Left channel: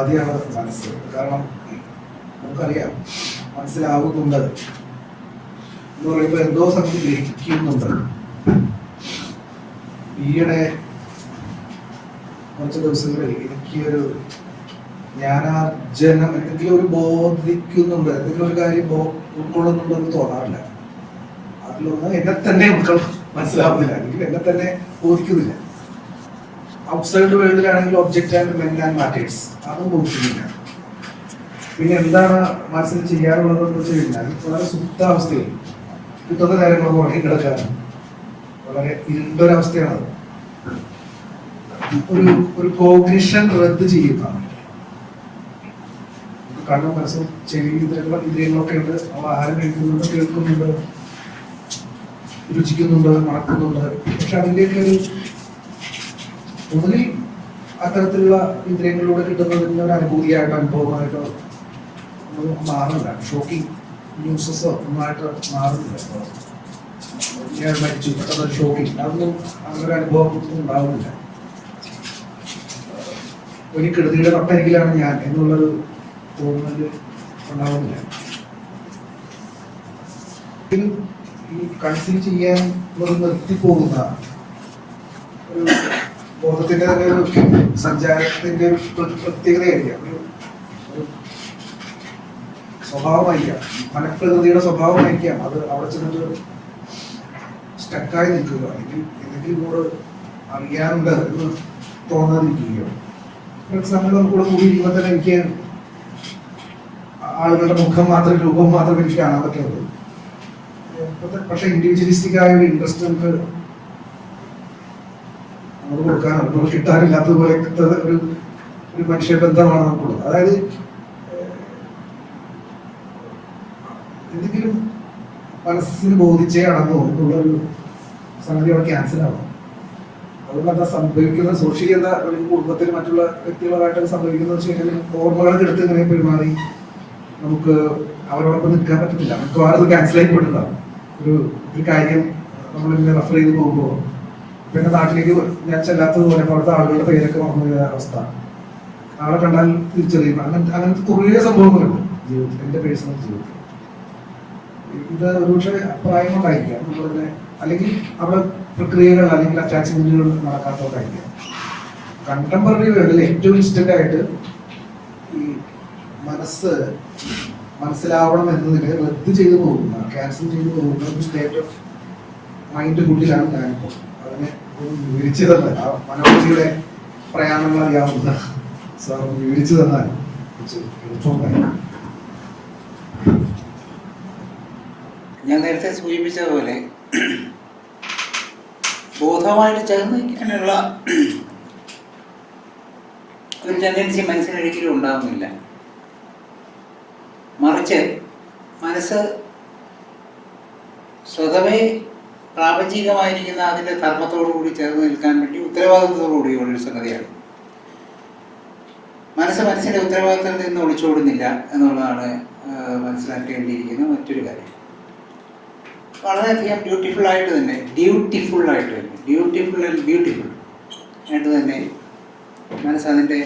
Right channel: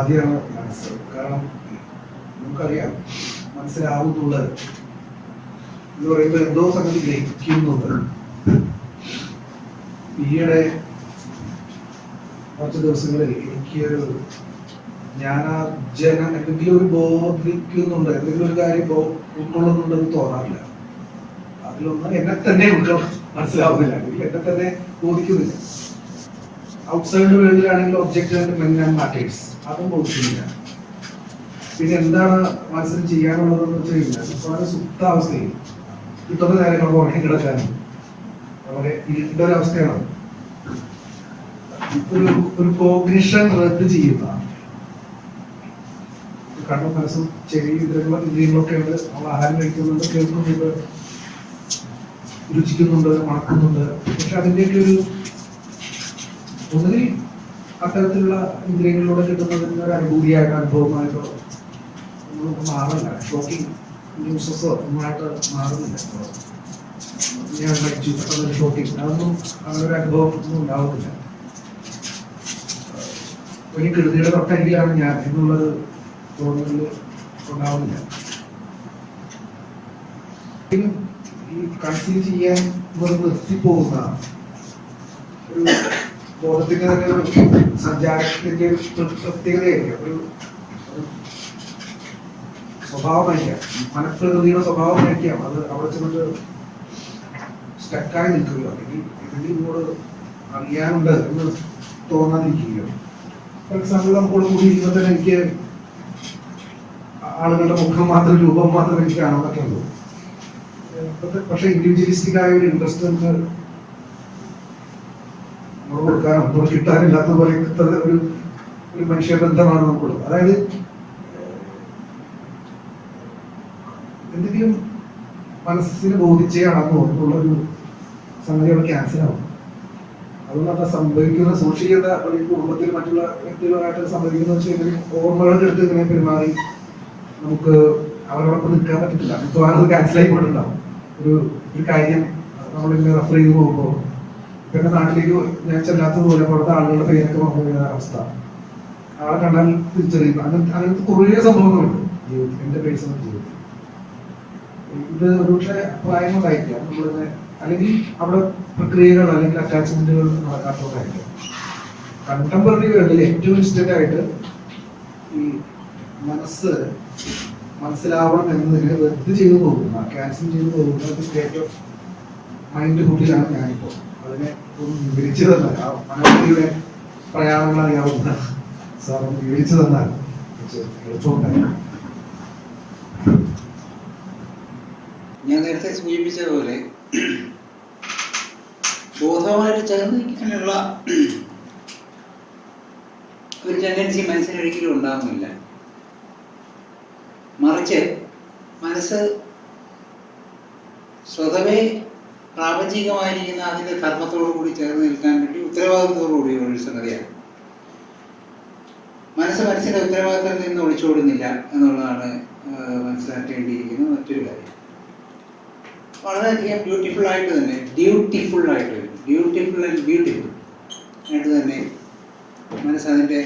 ഉപാധിയാണ് മനസ്സ്. കാരണം നമുക്കറിയാം മനസ്സിലാവുന്നുണ്ട്. എന്ന് പറയുമ്പോൾ എന്തോ സംഗതി ഗ്രഹിക്കുന്നുണ്ട്. ഈയിടെ കുറച്ച് ദിവസങ്ങളിൽ എനിക്കൊരു ജ്ഞാനാർജനം എന്തെങ്കിലും ഒരു ബോധിക്കുന്നുണ്ട് എന്തെങ്കിലും ഒരു കാര്യം ഉൾക്കൊള്ളുന്നുണ്ടെന്ന് തോന്നാറില്ല. അതിലൊന്ന് എന്നെ തന്നെ ഉൾക്കൊള്ള മനസ്സിലാവുന്നില്ല. അല്ലെങ്കിൽ എന്നെ തന്നെ ബോധിക്കുന്നില്ല. Outside വേൾഡിലാണെങ്കിൽ object and men and matters അതും നോക്കിയില്ല പിന്നെ എന്താണ് മനസ്സിൽ ചെയ്യാറുള്ളതെന്ന് വെച്ച് കഴിഞ്ഞാൽ വളരെ സുപ്താവസ്ഥയിൽ കിട്ടുന്ന കാര്യങ്ങൾ പുറകെ കിടക്കാറുണ്ട് വളരെ ഇരുണ്ടൊരവസ്ഥയാണ്. ഒരു ഒരു കോഗ്നിഷൻ റദ്ദ് ചെയ്യുന്ന കണ്ണും മനസ്സും ചെവി ഇതിലുള്ള ഇന്ദ്രിയങ്ങളൊക്കെ ഉണ്ട്. നമ്മൾ ആഹാരം കഴിക്കുന്നുണ്ട് കേൾക്കുന്നുണ്ട് രുചിക്കുന്നുണ്ട് മണക്കുന്നുണ്ട്. പക്ഷെ അതിന്റെയൊക്കെ ഒരു ഒന്നുകിൽ അത്തരത്തിലുള്ള ഇന്ദ്രിയങ്ങളിലൂടെ കിട്ടുന്നതിന് ഒരു അനുഭൂതിയായിട്ടോ അനുഭവമായിട്ടോ ഒന്നും മാറില്ല ഷോക്കിംഗ് ന്യൂസസോ ഒന്നുമായിട്ട് മാറുന്നില്ല ഞാൻ മരിച്ചു. പെട്ടെന്ന് ഷോക്കിംഗ് അതൊന്നും അങ്ങനെ ഒരു അനുഭവം ഒന്നും ഉണ്ടാവുന്നില്ല. ഒരു കൃതിയുടെ തൊട്ടരികിലാണ് ഞാൻ എന്നുള്ളൊരു തോന്നൽ ഉണ്ടാവുന്നില്ല. ഈ കൺസീവ് ചെയ്യാൻ വെറും നിർത്തിപ്പോകുന്ന ഒരു ബോധത്തിന്റെ തന്നെ ഒരു സഞ്ചാരത്തിന്റെ പ്രത്യേകതയായിരിക്കാം. സ്വഭാവമായിരിക്കാം. മനഃപ്രകൃതിയുടെ സ്വഭാവമായിരിക്കാം. അത് അവിടെ ചെന്നിട്ട് സ്റ്റക്കായി നിൽക്കുക അല്ലെങ്കിൽ എന്തെങ്കിലും ഇങ്ങോട്ട് അറിയാനുണ്ട് എന്ന് തോന്നാതിരിക്കുകയോ. ഫോർ എക്സാമ്പിൾ നമുക്കിവിടെ കൂടി ഇരിക്കുമ്പോൾ തന്നെ എനിക്ക് ആളുകളുടെ മുഖം മാത്രം രൂപം മാത്രം എനിക്ക് കാണാൻ പറ്റുള്ളൂ. പക്ഷെ ഇൻഡിവിജ്വലിസ്റ്റിക് ആയ ഒരു ഇൻട്രസ്റ്റ് നമുക്ക് നമ്മൾ കൊടുക്കാനോ നമുക്ക് കിട്ടാനില്ലാത്തത് പോലത്തെ ഒരു ഒരു മനുഷ്യബന്ധമാണ് നമുക്കുള്ളത് അതായത് എന്തെങ്കിലും മനസ്സിന് ബോധിച്ചേ അടങ്ങോ എന്നുള്ളൊരു സംഗതി ക്യാൻസൽ ആവും. അതുകൊണ്ട് അത് സംഭവിക്കുന്ന സോഷ്യലി എന്താ കുടുംബത്തിൽ മറ്റുള്ള വ്യക്തികളുമായിട്ട് സംഭവിക്കുന്നത് വെച്ച് കഴിഞ്ഞാൽ ഓർമ്മകളൊക്കെ എടുത്ത് ഇങ്ങനെ പെരുമാറി നമുക്ക് അവരോടൊപ്പം നിൽക്കാൻ പറ്റത്തില്ല. മിക്കവാറും അത് ക്യാൻസലായി പോയിട്ടുണ്ടാവും. ഒരു ഒരു കാര്യം നമ്മളിങ്ങനെ റെഫർ ചെയ്ത് പോകുമ്പോൾ പിന്നെ നാട്ടിലേക്ക് ഞാൻ ചെല്ലാത്തതുപോലെ പുറത്തെ ആളുകളുടെ പേരൊക്കെ മറന്നുപോയ അവസ്ഥ. ആളെ കണ്ടാൽ തിരിച്ചറിയുമ്പോൾ അങ്ങനത്തെ അങ്ങനത്തെ കുറേ സംഭവങ്ങളുണ്ട് ജീവിതത്തിൽ. എന്റെ പേഴ്സണൽ ജീവിതത്തിൽ. ഇത് ഒരുപക്ഷെ പ്രായം കൊണ്ടായിരിക്കാം തന്നെ അല്ലെങ്കിൽ അവിടെ പ്രക്രിയകൾ അല്ലെങ്കിൽ അറ്റാച്ച്മെന്റുകൾ നടക്കാത്തതുകൊണ്ടായിരിക്കാം കണ്ടംപററി വേൾഡിൽ ഏറ്റവും ഇൻസ്റ്റന്റ് ആയിട്ട് ഈ മനസ്സ് മനസ്സിലാവണം എന്നതിന് റദ്ദ് ചെയ്തു പോകുന്ന ക്യാൻസൽ ചെയ്തു പോകുന്ന ഒരു സ്റ്റേറ്റ് ഓഫ് മൈൻഡ് കുട്ടിലാണ് ഞാനിപ്പോൾ. അതിനെ ഒന്ന് വിവരിച്ചു തന്നാൽ ആ മനോജിയുടെ പ്രയാണങ്ങൾ അറിയാവുന്ന സാർ വിവരിച്ചു തന്നാൽ ഞാൻ നേരത്തെ സൂചിപ്പിച്ചതുപോലെ ബോധമായിട്ട് ചേർന്ന് നിൽക്കാനുള്ള ഒരു ടെൻഡൻസി മനസ്സിനൊരിക്കലും ഉണ്ടാകുന്നില്ല മറിച്ച് മനസ്സ് സ്വതവേ പ്രാപഞ്ചികമായിരിക്കുന്ന അതിന്റെ ധർമ്മത്തോടു കൂടി ചേർന്ന് നിൽക്കാൻ വേണ്ടി ഉത്തരവാദിത്വത്തോടു കൂടിയുള്ള ഒരു സംഗതിയാണ്. മനസ്സ് മനസ്സിന്റെ ഉത്തരവാദിത്തത്തിൽ നിന്ന് ഒളിച്ചോടുന്നില്ല എന്നുള്ളതാണ് മനസ്സിലാക്കേണ്ടിയിരിക്കുന്ന മറ്റൊരു കാര്യം. വളരെയധികം ബ്യൂട്ടിഫുൾ ആയിട്ട് തന്നെ ഡ്യൂട്ടിഫുൾ ആയിട്ട് ഡ്യൂട്ടിഫുൾ ആൻഡ് ബ്യൂട്ടിഫുൾ ആയിട്ട് തന്നെ മനസ്സതിന്റെ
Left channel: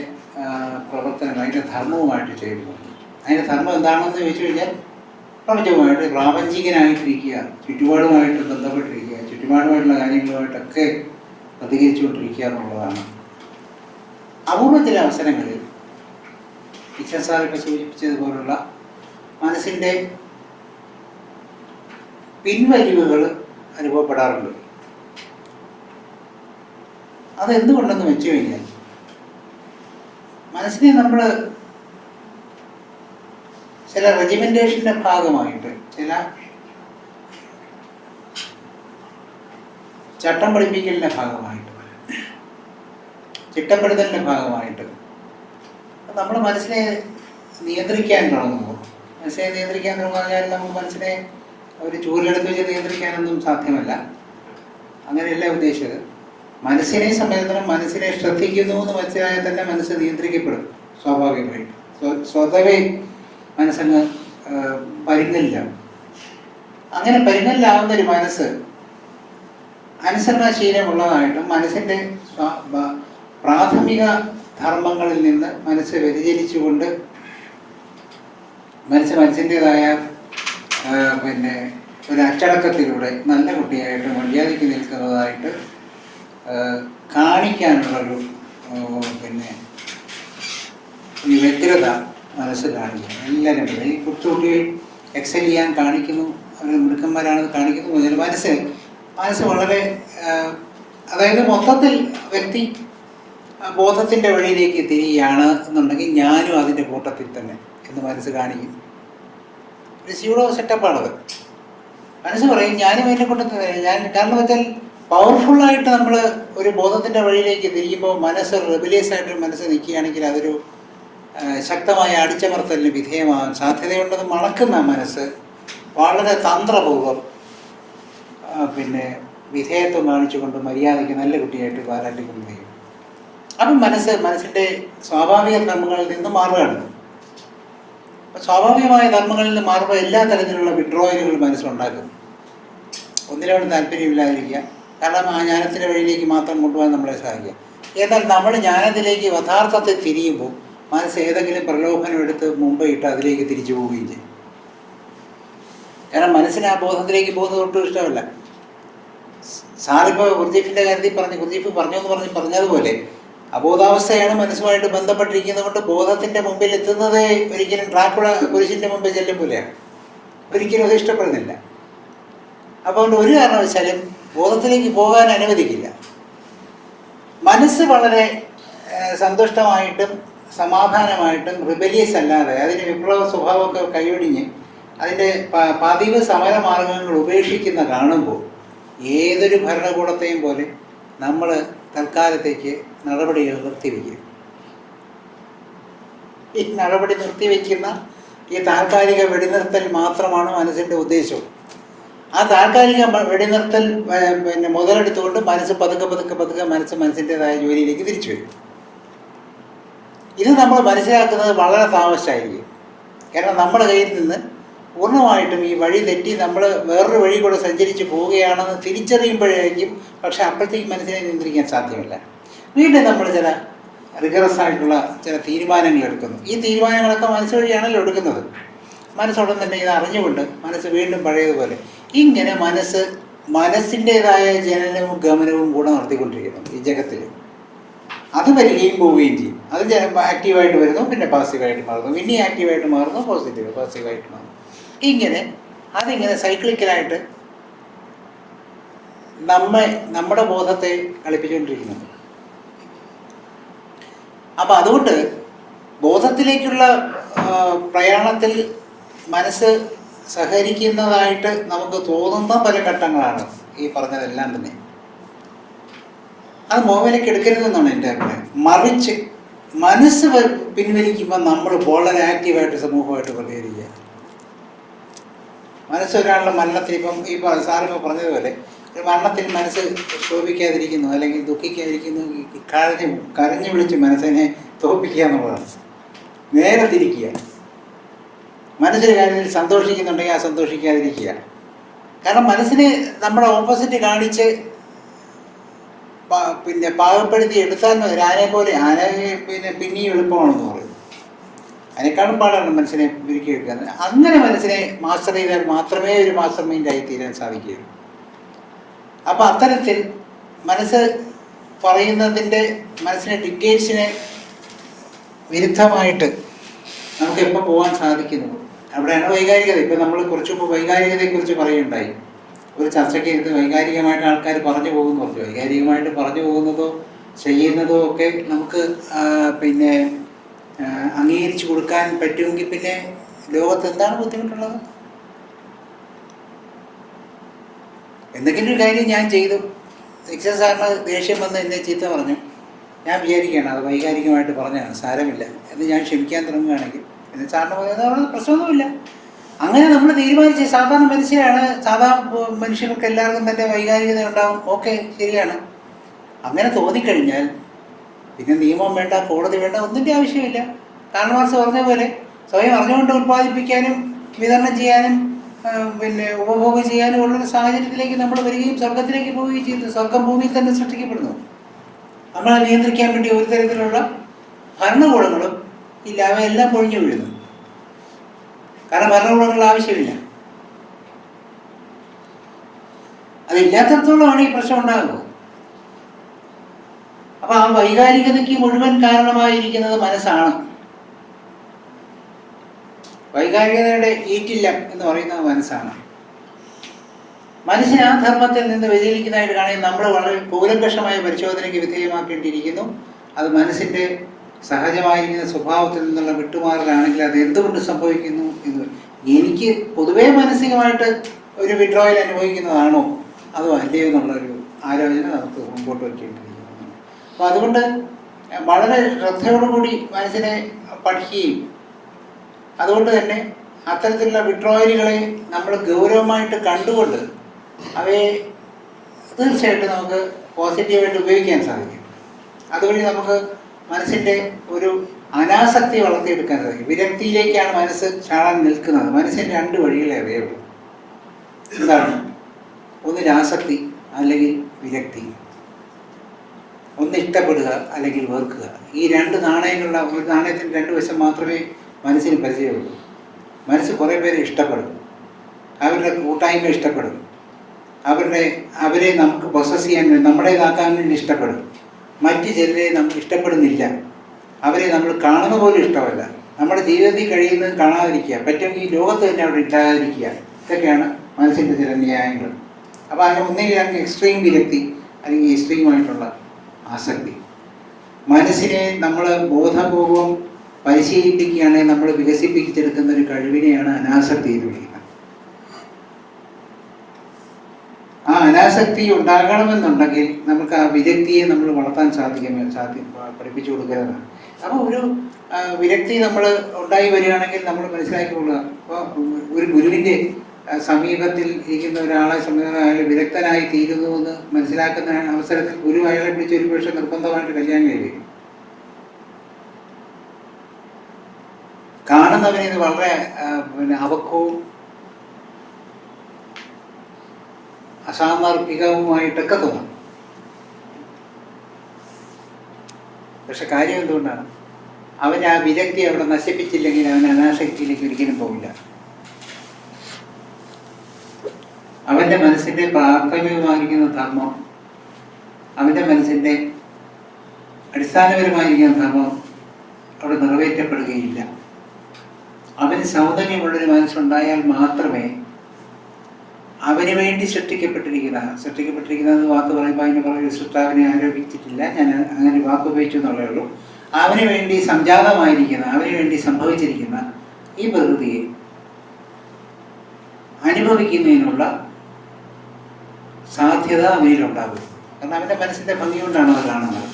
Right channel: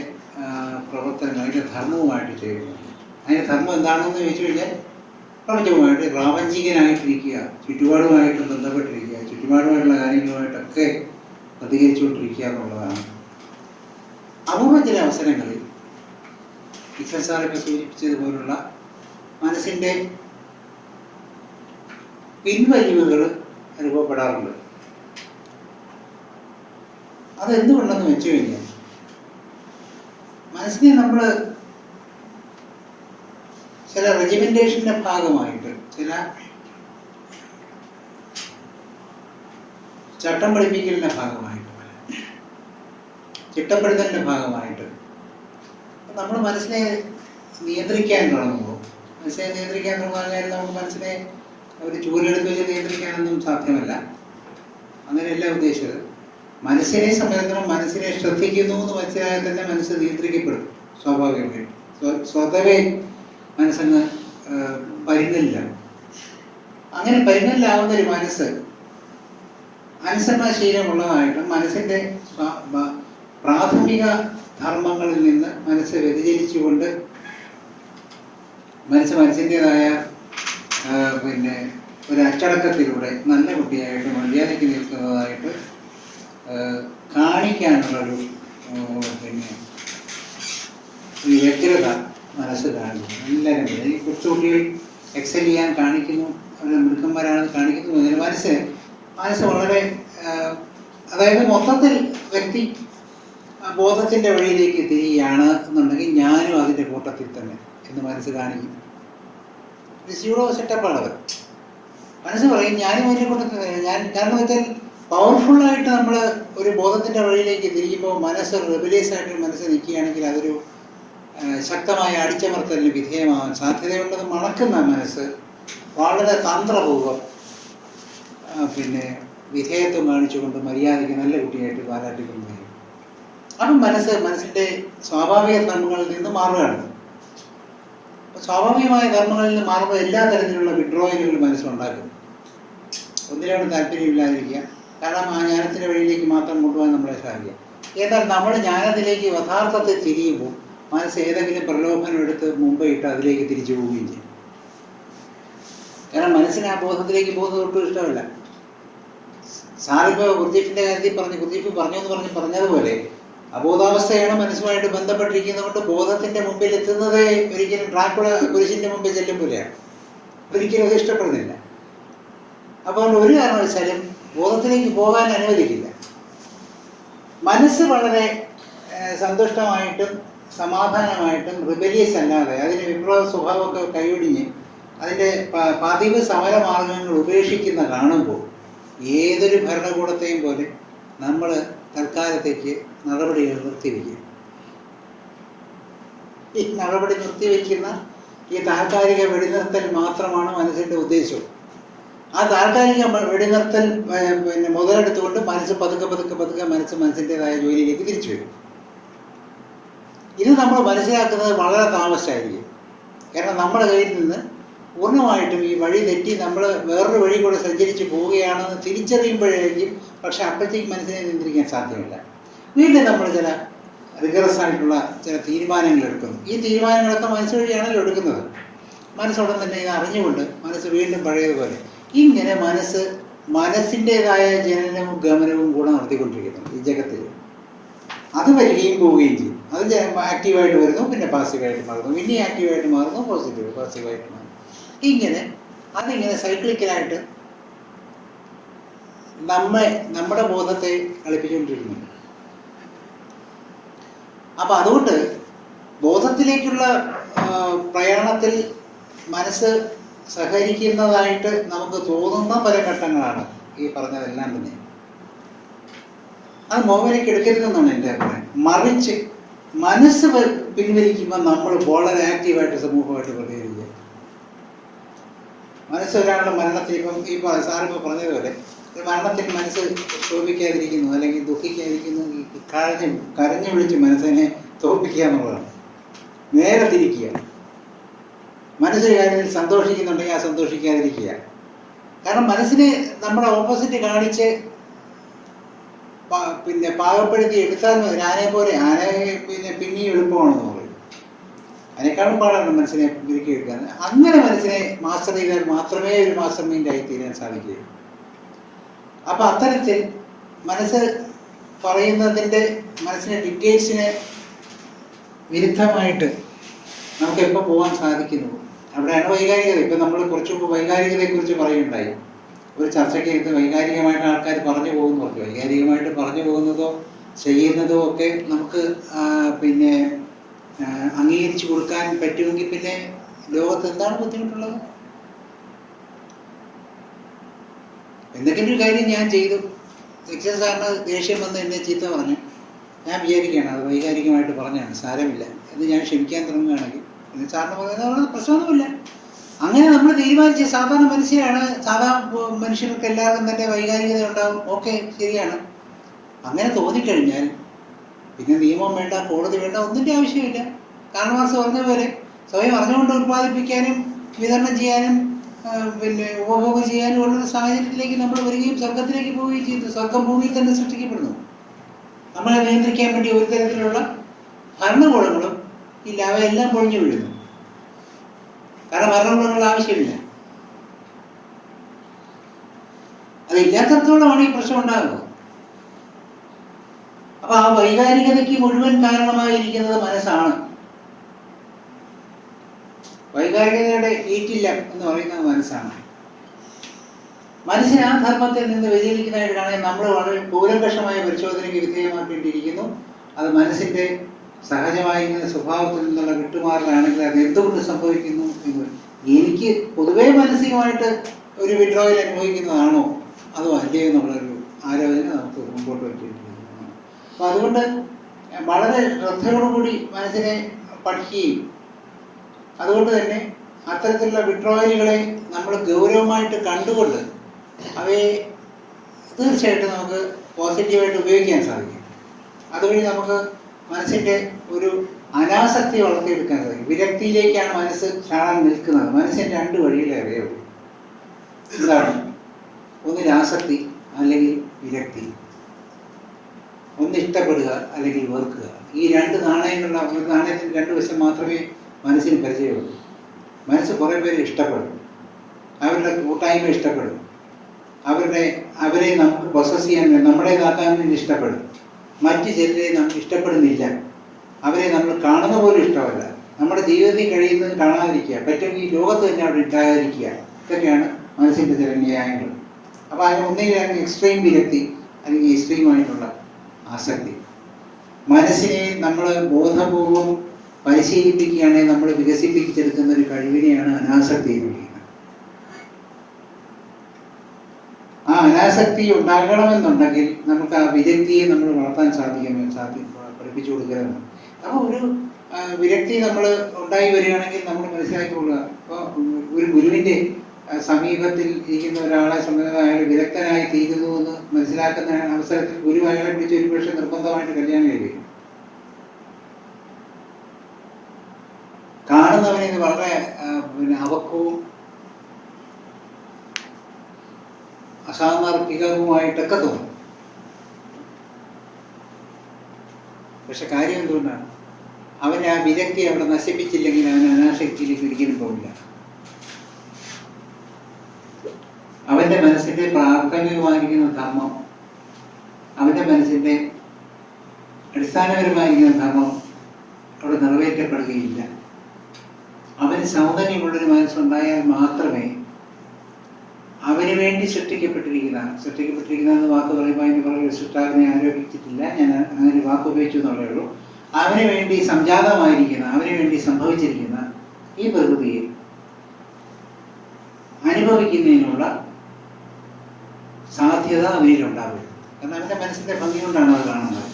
പ്രവർത്തനം അതിന്റെ ധർമ്മവുമായിട്ട് ചെയ്യുന്നു അതിന്റെ ധർമ്മം എന്താണെന്ന് ചോദിച്ചു കഴിഞ്ഞാൽ പ്രപഞ്ചവുമായിട്ട് പ്രാപഞ്ചികനായിട്ടിരിക്കുക ചുറ്റുപാടുമായിട്ട് ബന്ധപ്പെട്ടിരിക്കുക ചുറ്റുപാടുമായിട്ടുള്ള കാര്യങ്ങളുമായിട്ടൊക്കെ പ്രതികരിച്ചുകൊണ്ടിരിക്കുക എന്നുള്ളതാണ്. അപൂർവ ചില അവസരങ്ങളിൽ ടീച്ചർ സാറൊക്കെ സൂചിപ്പിച്ചതുപോലുള്ള മനസ്സിന്റെ പിൻവലിവുകൾ അനുഭവപ്പെടാറുണ്ട്. അതെന്തുകൊണ്ടെന്ന് വെച്ച് കഴിഞ്ഞാൽ മനസ്സിനെ നമ്മൾ ചില റെജിമെന്റേഷന്റെ ഭാഗമായിട്ട് ചില ചട്ടം പഠിപ്പിക്കലിന്റെ ഭാഗമായിട്ട് ചിട്ടപ്പെടുത്തലിന്റെ ഭാഗമായിട്ട് നമ്മൾ മനസ്സിനെ നിയന്ത്രിക്കാൻ തുടങ്ങുമ്പോൾ മനസ്സിനെ നിയന്ത്രിക്കാൻ തുടങ്ങാൻ നമുക്ക് മനസ്സിനെ ഒരു ചൂലെടുത്ത് വെച്ച് നിയന്ത്രിക്കാനൊന്നും സാധ്യമല്ല. അങ്ങനെയല്ല ഉദ്ദേശിച്ചത്. മനസ്സിനെ സംബന്ധിച്ചിടത്തോളം മനസ്സിനെ ശ്രദ്ധിക്കുന്നു എന്ന് മനസ്സിലായാൽ തന്നെ മനസ്സ് നിയന്ത്രിക്കപ്പെടും സ്വാഭാവികമായിട്ട്. സ്വ- സ്വതവേ മനസ്സങ്ങ് പരിങ്ങല്ല അങ്ങനെ പരിങ്ങല്ലാവുന്ന ഒരു മനസ്സ് അനുസരണശീലമുള്ളതായിട്ടും മനസ്സിന്റെ പ്രാഥമിക ധർമ്മങ്ങളിൽ നിന്ന് മനസ്സ് വ്യതിചലിച്ചുകൊണ്ട് മനസ്സ് മനസ്സിന്റെതായ പിന്നെ ഒരു അച്ചടക്കത്തിലൂടെ നല്ല കുട്ടിയായിട്ട് മര്യാദയ്ക്ക് നിൽക്കുന്നതായിട്ട് കാണിക്കാനുള്ളൊരു പിന്നെ ഈ വ്യഗ്രത മനസ്സ് കാണിക്കുന്നു എല്ലാവരും. ഈ കൊച്ചുകുട്ടികൾ എക്സൽ ചെയ്യാൻ കാണിക്കുന്നു. അവർ മിടുക്കന്മാരാണെന്ന് കാണിക്കുന്നു അതിൽ മനസ്സ് മനസ്സ് വളരെ അതായത് മൊത്തത്തിൽ വ്യക്തി ബോധത്തിന്റെ വഴിയിലേക്ക് തിരിയുകയാണ് എന്നുണ്ടെങ്കിൽ ഞാനും അതിന്റെ കൂട്ടത്തിൽ തന്നെ എന്ന് മനസ്സ് കാണിക്കും. ഒരു സ്യൂഡോ സെറ്റപ്പാണത് മനസ്സ് പറയും ഞാനും അതിന്റെ കൂട്ടത്തിൽ തന്നെ ഞാൻ കാരണം വെച്ചാൽ പവർഫുള്ളായിട്ട് നമ്മൾ ഒരു ബോധത്തിന്റെ വഴിയിലേക്ക് തിരിയുമ്പോൾ മനസ്സ് റിബിലിയസ് ആയിട്ട് മനസ്സ് നിൽക്കുകയാണെങ്കിൽ അതൊരു ശക്തമായ അടിച്ചമർത്തലിന് വിധേയമാകാൻ സാധ്യതയുണ്ടെന്ന് മണക്കുന്ന മനസ്സ് വളരെ തന്ത്രപൂർവം പിന്നെ വിധേയത്വം കാണിച്ചുകൊണ്ട് മര്യാദയ്ക്ക് നല്ല കുട്ടിയായിട്ട് പാരാട്ടിക്കൊണ്ട് ചെയ്യും അപ്പം മനസ്സ് മനസ്സിന്റെ സ്വാഭാവിക ധർമ്മങ്ങളിൽ നിന്ന് മാറുകയാണ്. സ്വാഭാവികമായ ധർമ്മങ്ങളിൽ നിന്ന് മാറുമ്പോൾ എല്ലാ തരത്തിലുള്ള വിഡ്രോയലുകൾ മനസ്സുണ്ടാക്കും. ഒന്നിനോട് താല്പര്യമില്ലാതിരിക്കുക. കാരണം ആ ജ്ഞാനത്തിന്റെ വഴിയിലേക്ക് മാത്രം കൊണ്ടുപോകാൻ നമ്മളെ സാധിക്കുക. എന്നാൽ നമ്മുടെ ജ്ഞാനത്തിലേക്ക് യഥാർത്ഥത്തെ തിരിയുമ്പോൾ മനസ്സ് ഏതെങ്കിലും പ്രലോഭനം എടുത്ത് മുമ്പ് ഇട്ട് അതിലേക്ക് തിരിച്ചു പോവുകയും ചെയ്യും. കാരണം മനസ്സിന് ആ ബോധത്തിലേക്ക് പോകുന്നത് ഒട്ടും ഇഷ്ടമല്ല. സാറിപ്പോൾ ഗുർജീഫിന്റെ കാര്യത്തിൽ പറഞ്ഞു ഗുർജീഫ് പറഞ്ഞു എന്ന് പറഞ്ഞ് പറഞ്ഞതുപോലെ അബോധാവസ്ഥയാണ് മനസ്സുമായിട്ട് ബന്ധപ്പെട്ടിരിക്കുന്നത് കൊണ്ട് ബോധത്തിന്റെ മുമ്പിൽ എത്തുന്നത് ഒരിക്കലും ട്രാക്കുള കുരിശിന്റെ മുമ്പിൽ ചെല്ലുമ്പോഴാണ് ഒരിക്കലും അത് ഇഷ്ടപ്പെടുന്നില്ല. അപ്പോൾ ഒരു കാരണവശാലും ബോധത്തിലേക്ക് പോകാൻ അനുവദിക്കില്ല. മനസ്സ് വളരെ സന്തുഷ്ടമായിട്ടും സമാധാനമായിട്ടും റിബലിയസ് അല്ലാതെ അതിന്റെ വിപ്ലവ സ്വഭാവമൊക്കെ കൈയൊടിഞ്ഞ് അതിന്റെ പതിവ് സമരമാർഗങ്ങൾ ഉപേക്ഷിക്കുന്ന കാണുമ്പോൾ ഏതൊരു ഭരണകൂടത്തെയും പോലെ നമ്മൾ തൽക്കാലത്തേക്ക് നടപടികൾ നിർത്തിവെക്കും ഈ നടപടി നിർത്തിവെക്കുന്ന ഈ താൽക്കാലിക വെടിനിർത്തൽ മാത്രമാണ് മനസ്സിന്റെ ഉദ്ദേശം? ആ താൽക്കാലിക വെടിനിർത്തൽ പിന്നെ മുതലെടുത്തുകൊണ്ട് മനസ്സ് പതുക്കെ പതുക്കെ പതുക്കെ മനസ്സ് മനസ്സിന്റെതായ ജോലിയിലേക്ക് തിരിച്ചു വരും. ഇത് നമ്മൾ മനസ്സിലാക്കുന്നത് വളരെ താമസിച്ചായിരിക്കും. കാരണം നമ്മുടെ കയ്യിൽ നിന്ന് പൂർണമായിട്ടും ഈ വഴി തെറ്റി നമ്മൾ വേറൊരു വഴി കൂടെ സഞ്ചരിച്ച് പോവുകയാണെന്ന് തിരിച്ചറിയുമ്പോഴായിരിക്കും പക്ഷെ അപ്പോഴത്തേക്കും മനസ്സിനെ നിയന്ത്രിക്കാൻ സാധ്യമല്ല. വീണ്ടും നമ്മൾ ചില റിഗറസ് ആയിട്ടുള്ള ചില തീരുമാനങ്ങൾ എടുക്കുന്നു. ഈ തീരുമാനങ്ങളൊക്കെ മനസ്സ് വഴിയാണല്ലോ എടുക്കുന്നത്. മനസ്സോടെ തന്നെ ഇത് അറിഞ്ഞുകൊണ്ട് മനസ്സ് വീണ്ടും പഴയതുപോലെ ഇങ്ങനെ മനസ്സ് മനസ്സിന്റേതായ ജനനവും ഗമനവും കൂടെ നടത്തിക്കൊണ്ടിരിക്കുന്നു ഈ ജഗത്തിൽ. അത് വരികയും പോവുകയും ചെയ്യും. അത് ആക്റ്റീവായിട്ട് വരുന്നു പിന്നെ പാസീവായിട്ട് മാറുന്നു. പിന്നെ ആക്റ്റീവായിട്ട് മാറുന്നു പോസിറ്റീവ് പാസീവായിട്ട് മാറുന്നു. ഇങ്ങനെ അതിങ്ങനെ സൈക്ലിക്കലായിട്ട് നമ്മെ നമ്മുടെ ബോധത്തെ കളിപ്പിച്ചുകൊണ്ടിരിക്കുന്നു. അപ്പം അതുകൊണ്ട് ബോധത്തിലേക്കുള്ള പ്രയാണത്തിൽ മനസ്സ് സഹകരിക്കുന്നതായിട്ട് നമുക്ക് തോന്നുന്ന പല ഘട്ടങ്ങളാണ് ഈ പറഞ്ഞതെല്ലാം തന്നെ. അത് മോഹനയ്ക്ക് എടുക്കരുതെന്നാണ് എന്റെ അഭിപ്രായം. മറിച്ച് മനസ്സ് പിൻവലിക്കുമ്പോൾ നമ്മൾ വളരെ ആക്റ്റീവായിട്ട് സമൂഹമായിട്ട് പ്രതികരിക്കുക. മനസ്സ് ഒരാളുടെ മരണത്തിൽ ഇപ്പം ഈ സാറിപ്പോൾ പറഞ്ഞതുപോലെ മരണത്തിൽ മനസ്സ് ശോഭിക്കാതിരിക്കുന്നു അല്ലെങ്കിൽ ദുഃഖിക്കാതിരിക്കുന്നു കരഞ്ഞ് കരഞ്ഞു വിളിച്ച് മനസ്സിനെ തോപ്പിക്കുക എന്നുള്ളതാണ്. നേരെ തിരിക്കുക. മനസ്സിന് കാര്യത്തിൽ സന്തോഷിക്കുന്നുണ്ടെങ്കിൽ ആ സന്തോഷിക്കാതിരിക്കുക. കാരണം മനസ്സിനെ നമ്മുടെ ഓപ്പോസിറ്റ് കാണിച്ച് പിന്നെ പാകപ്പെടുത്തി എടുത്താൽ മതി. ആനയെ പോലെ ആന പിന്നെ പിന്നെയും എളുപ്പമാണെന്ന് പറയും. അതിനേക്കാളും പാടാണ് മനസ്സിനെ ഒരുക്കിയെടുക്കാൻ അങ്ങനെ മനസ്സിനെ മാസ്റ്റർ ചെയ്താൽ മാത്രമേ ഒരു മാസ്റ്റർ മൈൻഡ് ആയി തീരാൻ സാധിക്കുകയുള്ളൂ അപ്പം അത്തരത്തിൽ മനസ്സ് പറയുന്നതിന്റെ മനസ്സിനെ ഡിക്റ്റേറ്റ്സിന് വിരുദ്ധമായിട്ട് നമുക്ക് എപ്പോൾ പോകാൻ സാധിക്കുന്നു? അവിടെയാണ് വൈകാരികത. ഇപ്പം നമ്മൾ കുറച്ച് മുമ്പ് വൈകാരികതയെക്കുറിച്ച് പറയുണ്ടായി ഒരു ചർച്ചയ്ക്ക് ഇത് വൈകാരികമായിട്ട് ആൾക്കാർ പറഞ്ഞു പോകുന്നു പറഞ്ഞു. വൈകാരികമായിട്ട് പറഞ്ഞു പോകുന്നതോ ചെയ്യുന്നതോ ഒക്കെ നമുക്ക് പിന്നെ അംഗീകരിച്ചു കൊടുക്കാൻ പറ്റുമെങ്കിൽ പിന്നെ ലോകത്ത് എന്താണ് ബുദ്ധിമുട്ടുള്ളത്? എന്തെങ്കിലും ഒരു കാര്യം ഞാൻ ചെയ്തു. ശിക്ഷ സാറിന് ദേഷ്യം വന്ന് എന്നെ ചീത്ത പറഞ്ഞു. ഞാൻ വിചാരിക്കുകയാണ് അത് വൈകാരികമായിട്ട് പറഞ്ഞാണ് സാരമില്ല. എന്ന് ഞാൻ ക്ഷമിക്കാൻ തുടങ്ങുകയാണെങ്കിൽ. എന്നെ സാറിന് പറയുന്നത് പ്രശ്നമൊന്നുമില്ല. അങ്ങനെ നമ്മൾ തീരുമാനിച്ച സാധാരണ മനുഷ്യരാണ് സാധാരണ മനുഷ്യർക്ക് എല്ലാവർക്കും തന്നെ വൈകാരികത ഉണ്ടാവും ഓക്കെ ശരിയാണ്. അങ്ങനെ തോന്നിക്കഴിഞ്ഞാൽ പിന്നെ നിയമം വേണ്ട കോടതി വേണ്ട ഒന്നിന്റെ ആവശ്യമില്ല. കാരണമാർസ് പറഞ്ഞ പോലെ സ്വയം അറിഞ്ഞുകൊണ്ട് ഉൽപ്പാദിപ്പിക്കാനും വിതരണം ചെയ്യാനും പിന്നെ ഉപഭോഗം ചെയ്യാനും ഉള്ളൊരു സാഹചര്യത്തിലേക്ക് നമ്മൾ വരികയും സ്വർഗത്തിലേക്ക് പോവുകയും ചെയ്യുന്നു സ്വർഗം ഭൂമിയിൽ തന്നെ സൃഷ്ടിക്കപ്പെടുന്നു. നമ്മളെ നിയന്ത്രിക്കാൻ വേണ്ടി ഒരു തരത്തിലുള്ള ഭരണകൂടങ്ങളും ഇല്ല അവയെല്ലാം പൊഴിഞ്ഞു വീഴുന്നു. കാരണം ഭരണകൂടങ്ങൾ ആവശ്യമില്ല. അതില്ലാത്തടത്തോളമാണ് ഈ പ്രശ്നം ഉണ്ടാകുന്നത് അപ്പൊ ആ വൈകാരികതയ്ക്ക് മുഴുവൻ കാരണമായിരിക്കുന്നത് മനസ്സാണ്. വൈകാരികതയുടെ ഈറ്റില്ല എന്ന് പറയുന്നത് മനസ്സാണ്. മനസ്സിന് ആ ധർമ്മത്തിൽ നിന്ന് വ്യതിരിക്കുന്നതായിട്ട് കാണാൻ നമ്മൾ വളരെ കൂലങ്കഷമായ പരിശോധനയ്ക്ക് വിധേയമാക്കേണ്ടിയിരിക്കുന്നു അത് മനസ്സിന്റെ സഹജമായിരിക്കുന്ന സ്വഭാവത്തിൽ നിന്നുള്ള വിട്ടുമാറലാണെങ്കിൽ അത് എന്തുകൊണ്ട് സംഭവിക്കുന്നു? എനിക്ക് പൊതുവേ മാനസികമായിട്ട് ഒരു വിഡ്രോയിൽ അനുഭവിക്കുന്നതാണോ? അതോ അല്ലയോ എന്നുള്ളൊരു ആലോചന നമുക്ക് മുമ്പോട്ട് വയ്ക്കേണ്ടിയിരിക്കുന്നു. അപ്പോൾ അതുകൊണ്ട് വളരെ ശ്രദ്ധയോടുകൂടി മനസ്സിനെ പഠിക്കുകയും അതുകൊണ്ട് തന്നെ അത്തരത്തിലുള്ള വിഡ്രോയലുകളെ നമ്മൾ ഗൗരവമായിട്ട് കണ്ടുകൊണ്ട് അവയെ തീർച്ചയായിട്ടും നമുക്ക് പോസിറ്റീവായിട്ട് ഉപയോഗിക്കാൻ സാധിക്കും. അതുവഴി നമുക്ക് മനസ്സിന്റെ ഒരു അനാസക്തി വളർത്തിയെടുക്കാൻ സാധിക്കും വിരക്തിയിലേക്കാണ് മനസ്സ് ചാടാൻ നിൽക്കുന്നത്. മനസ്സിന് രണ്ട് വഴികളെ അറിയുള്ളൂ. എന്താണ്? ഒന്ന് രാസക്തി അല്ലെങ്കിൽ വിരക്തി. ഒന്ന് ഇഷ്ടപ്പെടുക അല്ലെങ്കിൽ വെറുക്കുക. ഈ രണ്ട് നാണയങ്ങളുടെ ഒരു നാണയത്തിന് രണ്ട് വശം മാത്രമേ മനസ്സിന് പരിചയമുള്ളൂ. മനസ്സ് കുറേ പേരെ ഇഷ്ടപ്പെടും. അവരുടെ കൂട്ടായ്മ ഇഷ്ടപ്പെടും. അവരുടെ അവരെ നമുക്ക് പ്രൊസസ് ചെയ്യാൻ നമ്മുടേതാക്കാൻ വേണ്ടി ഇഷ്ടപ്പെടും. മറ്റ് ചിലരെ നമുക്ക് ഇഷ്ടപ്പെടുന്നില്ല. അവരെ നമ്മൾ കാണുന്ന പോലും ഇഷ്ടമല്ല. നമ്മുടെ ജീവിതത്തിൽ കഴിയുന്നത് കാണാതിരിക്കുക. പറ്റും ഈ ലോകത്ത് തന്നെ അവിടെ ഇല്ലാതിരിക്കുക. ഇതൊക്കെയാണ് മനസ്സിന്റെ ചില ന്യായങ്ങൾ. അപ്പോൾ അതിന് ഒന്നിലാണെങ്കിൽ എക്സ്ട്രീം വിരക്തി അല്ലെങ്കിൽ എക്സ്ട്രീമായിട്ടുള്ള ആസക്തി. മനസ്സിനെ നമ്മൾ ബോധപൂർവം പരിശീലിപ്പിക്കുകയാണെങ്കിൽ നമ്മൾ വികസിപ്പിച്ചെടുക്കുന്ന ഒരു കഴിവിനെയാണ് അനാസക്തി എന്ന് വിളിക്കുന്നത് ആ അനാസക്തി ഉണ്ടാകണമെന്നുണ്ടെങ്കിൽ നമുക്ക് ആ വിരക്തിയെ നമ്മൾ വളർത്താൻ സാധിക്കുമെന്ന് സാധ്യം പഠിപ്പിച്ചു കൊടുക്കുന്നതാണ് അപ്പോൾ ഒരു വിരക്തി നമ്മൾ ഉണ്ടായി വരികയാണെങ്കിൽ നമ്മൾ മനസ്സിലാക്കിക്കൊള്ളുക. അപ്പോൾ ഒരു ഗുരുവിന്റെ സമീപത്തിൽ ഇരിക്കുന്ന ഒരാളെ സംബന്ധിച്ച് അയാൾ വിദഗ്ധനായി തീരുന്നു എന്ന് മനസ്സിലാക്കുന്ന അവസരത്തിൽ ഗുരു അയാളെ പിടിച്ച് ഒരു പക്ഷേ നിർബന്ധമായിട്ട് കല്യാണം കഴിയും കാണുന്നവനെ ഇത് വളരെ പിന്നെ അവക്കവും അസാമർപ്പികവുമായിട്ടൊക്കെ തോന്നും. പക്ഷെ കാര്യം എന്തുകൊണ്ടാണ്? അവൻ ആ വിരക്തി അവിടെ നശിപ്പിച്ചില്ലെങ്കിൽ അവൻ അനാസക്തിയിലേക്ക് ഒരിക്കലും പോകില്ല അവന്റെ മനസ്സിന്റെ പ്രാഥമികമായിരിക്കുന്ന ധർമ്മം അവന്റെ മനസ്സിന്റെ അടിസ്ഥാനപരമായിരിക്കുന്ന ധർമ്മം അവിടെ നിറവേറ്റപ്പെടുകയില്ല. അവന് സൗന്ദര്യമുള്ളൊരു മനസ്സുണ്ടായാൽ മാത്രമേ അവന് വേണ്ടി സൃഷ്ടിക്കപ്പെട്ടിരിക്കുന്ന സൃഷ്ടിക്കപ്പെട്ടിരിക്കുന്ന വാക്ക് പറയുമ്പോൾ അതിന് പുറകെ സൃഷ്ടാവിനെ ആരോപിച്ചിട്ടില്ല. ഞാൻ അങ്ങനെ വാക്ക് ഉപയോഗിച്ചു എന്നുള്ളേ ഉള്ളൂ. അവന് വേണ്ടി സംജാതമായിരിക്കുന്ന അവന് വേണ്ടി സംഭവിച്ചിരിക്കുന്ന ഈ പ്രകൃതിയെ അനുഭവിക്കുന്നതിനുള്ള സാധ്യത അവനിലുണ്ടാകും കാരണം അവന്റെ മനസ്സിന്റെ ഭംഗി കൊണ്ടാണ് അത് കാണുന്നത്.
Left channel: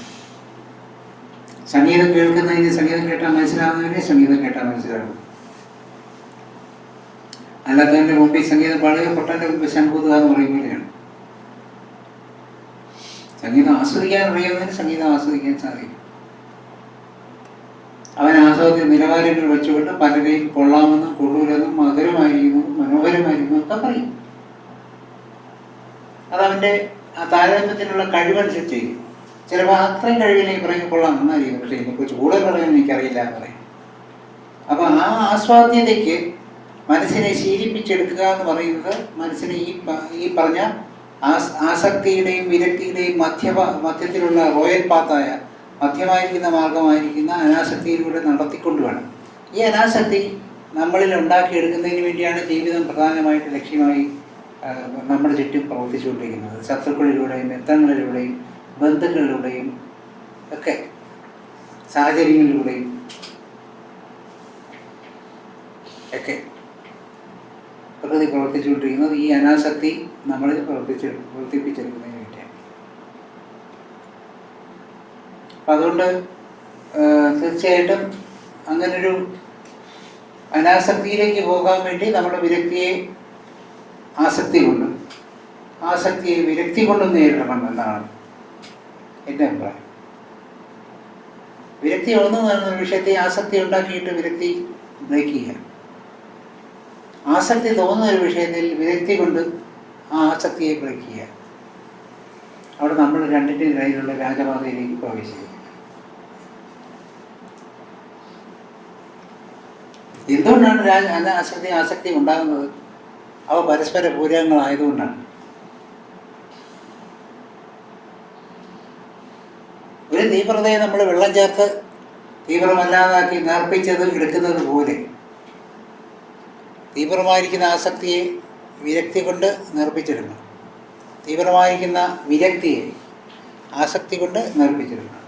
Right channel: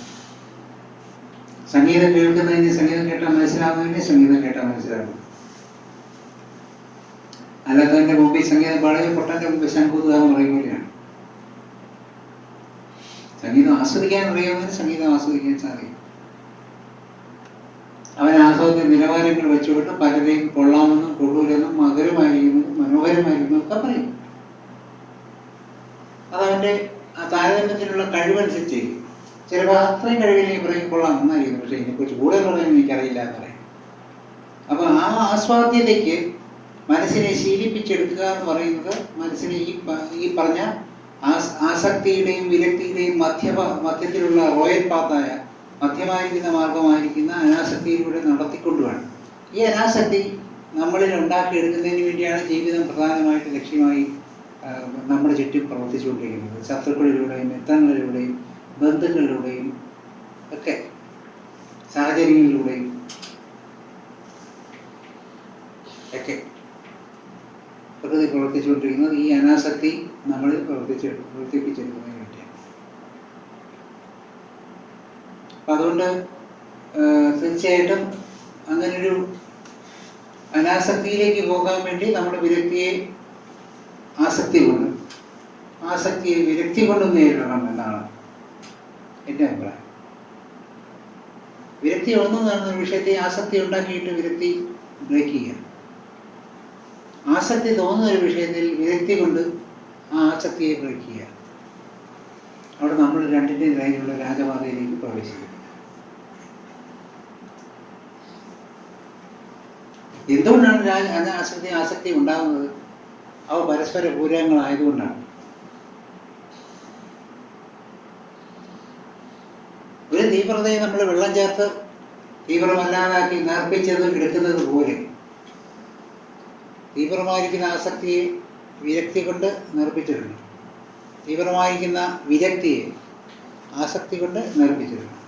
സംഗീതം കേൾക്കുന്നതിന് സംഗീതം കേട്ടാൽ മനസ്സിലാകുന്നതിന് സംഗീതം കേട്ടാൽ മനസ്സിലാകും അല്ലാത്തതിന്റെ മുമ്പിൽ സംഗീതം പാടുക പൊട്ടന്റെ മുമ്പിൽ ശംഖുതുക എന്ന് പറയും പോലെയാണ്. സംഗീതം ആസ്വദിക്കാൻ അറിയാവുന്നതിന് സംഗീതം ആസ്വദിക്കാൻ സാധിക്കും. ആസ്വാദ്യ നിലവാരങ്ങൾ വെച്ചുകൊണ്ട് പലരെയും കൊള്ളാമെന്നും കൊള്ളൂരെന്നും മധുരമായിരിക്കുന്നു മനോഹരമായിരിക്കുന്നു ഒക്കെ പറയും. അതവന്റെ ആ താരതമ്യത്തിനുള്ള കഴിവനുസരിച്ച് ചിലപ്പോൾ അത്രയും കഴിവിനെ പറയും കൊള്ളാം നന്നായിരിക്കും പക്ഷേ ഇതിനെക്കുറിച്ച് കൂടുതൽ പറയാൻ എനിക്കറിയില്ല എന്ന് പറയും. അപ്പോൾ ആ ആസ്വാദ്യതയ്ക്ക് മനസ്സിനെ ശീലിപ്പിച്ചെടുക്കുക എന്ന് പറയുന്നത് മനസ്സിനെ ഈ ഈ പറഞ്ഞ ആസ്- ആസക്തിയുടെയും വിരക്തിയുടെയും മധ്യ മധ്യത്തിലുള്ള റോയൽ പാത്തായ മധ്യമായിരിക്കുന്ന മാർഗമായിരിക്കുന്ന അനാസക്തിയിലൂടെ നടത്തിക്കൊണ്ട് വേണം ഈ അനാസക്തി നമ്മളിൽ ഉണ്ടാക്കിയെടുക്കുന്നതിന് വേണ്ടിയാണ് ജീവിതം പ്രധാനമായിട്ട് ലക്ഷ്യമായി നമ്മുടെ ചുറ്റും പ്രവർത്തിച്ചുകൊണ്ടിരിക്കുന്നത്. ശത്രുക്കളിലൂടെയും യുദ്ധങ്ങളിലൂടെയും ബന്ധുക്കളിലൂടെയും ഒക്കെ സാഹചര്യങ്ങളിലൂടെയും ഒക്കെ പ്രകൃതി പ്രവർത്തിച്ചുകൊണ്ടിരിക്കുന്നത് ഈ അനാസക്തി നമ്മളിൽ പ്രവർത്തിച്ച് പ്രവർത്തിപ്പിച്ചെടുക്കുന്നതിന് വേണ്ടിയാണ് അപ്പം അതുകൊണ്ട് തീർച്ചയായിട്ടും അങ്ങനൊരു അനാസക്തിയിലേക്ക് പോകാൻ വേണ്ടി നമ്മുടെ വിരക്തിയെ ആസക്തി കൊണ്ട് ആസക്തിയെ വിരക്തി കൊണ്ട് നേരിടണം എന്നാണ് എന്റെ അഭിപ്രായം. വിരക്തി ഒന്നും എന്ന വിഷയത്തെ ആസക്തി ഉണ്ടാക്കിയിട്ട് വിരക്തി ബ്രേക്ക് ചെയ്യുക. ആസക്തി തോന്നുന്ന ഒരു വിഷയത്തിൽ വിരക്തി കൊണ്ട് ആ ആസക്തിയെ ബ്രേക്ക് ചെയ്യുക. അവിടെ നമ്മൾ രണ്ടിന്റെ ഇടയിലുള്ള രാജപാതയിലേക്ക് പ്രവേശിക്കും. എന്തുകൊണ്ടാണ് രാജ അന- ആസക്തി ഉണ്ടാകുന്നത്? അവ പരസ്പര പൂരകങ്ങളായതുകൊണ്ടാണ്. ഒരു തീവ്രതയെ നമ്മൾ വെള്ളം ചേർത്ത് തീവ്രമല്ലാതാക്കി നേർപ്പിച്ചത് എടുക്കുന്നത് പോലെ തീവ്രമായിരിക്കുന്ന ആസക്തിയെ വിരക്തി കൊണ്ട് നിർപ്പിച്ചിരുന്നു തീവ്രമായിരിക്കുന്ന വിരക്തിയെ ആസക്തി കൊണ്ട് നേർപ്പിച്ചിടണം